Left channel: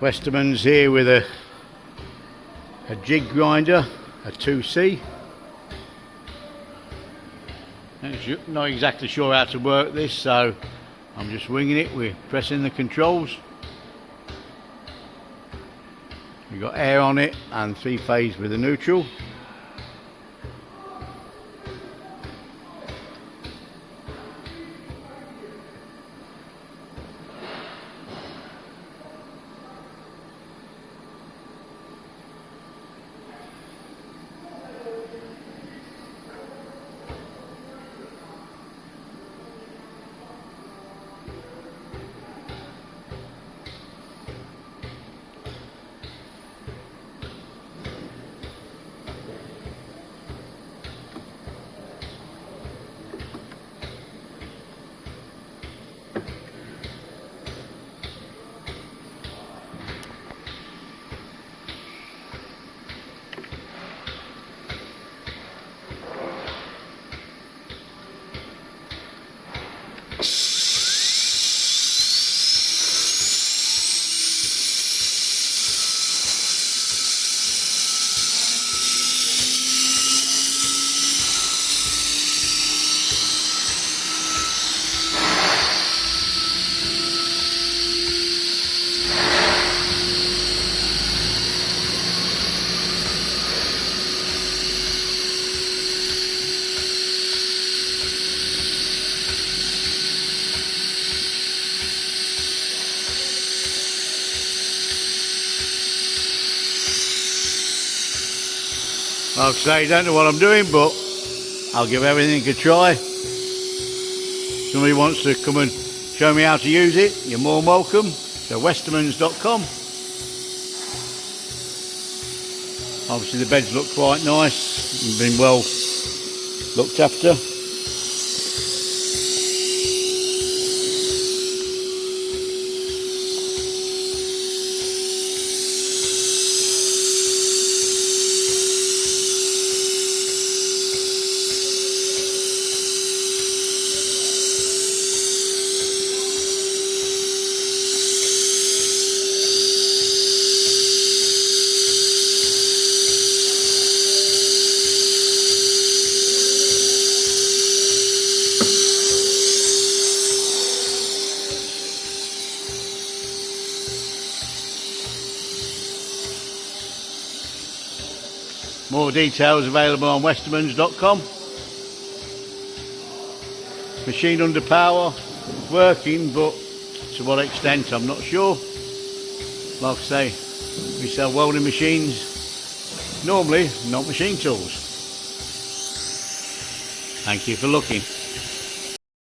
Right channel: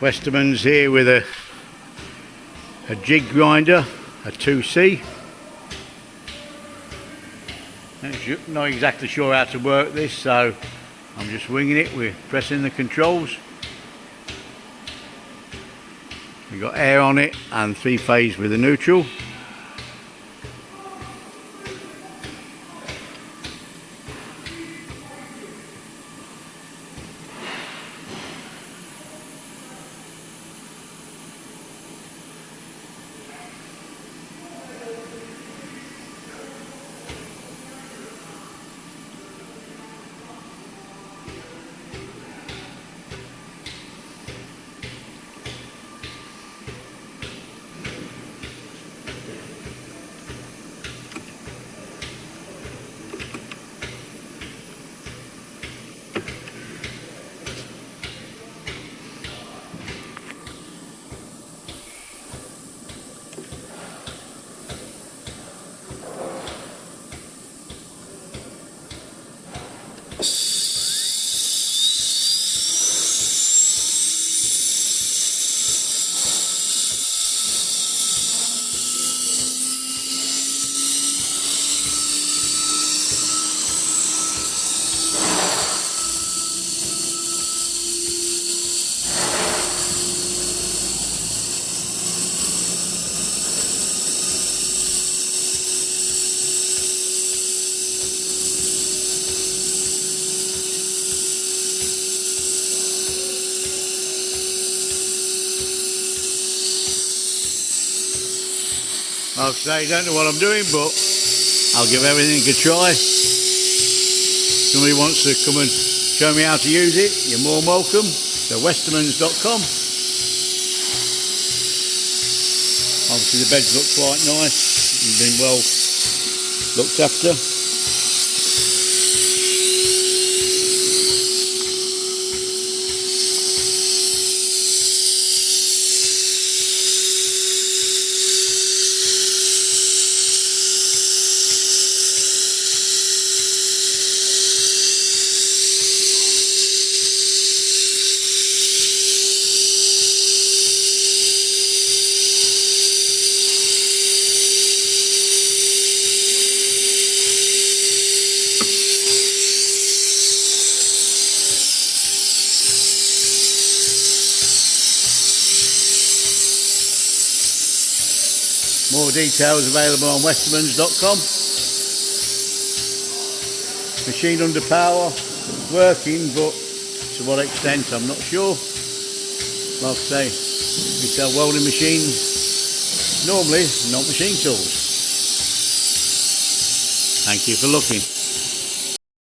Westermans here with a JIG Grinder, a 2C. Not exactly sure how to work this, so I'm just winging it. We're pressing the controls. We've got air on it and 3-phase with a neutral. Like I say, don't know what I'm doing, but I'll give everything a try. Somebody wants to come and show me how to use it, you're more than welcome. So Westermans.com. Obviously the beds look quite nice, you've been well looked after. More details available on Westermans.com. Machine under power, working, but to what extent I'm not sure. Like I say, we sell welding machines, normally not machine tools. Thank you for looking.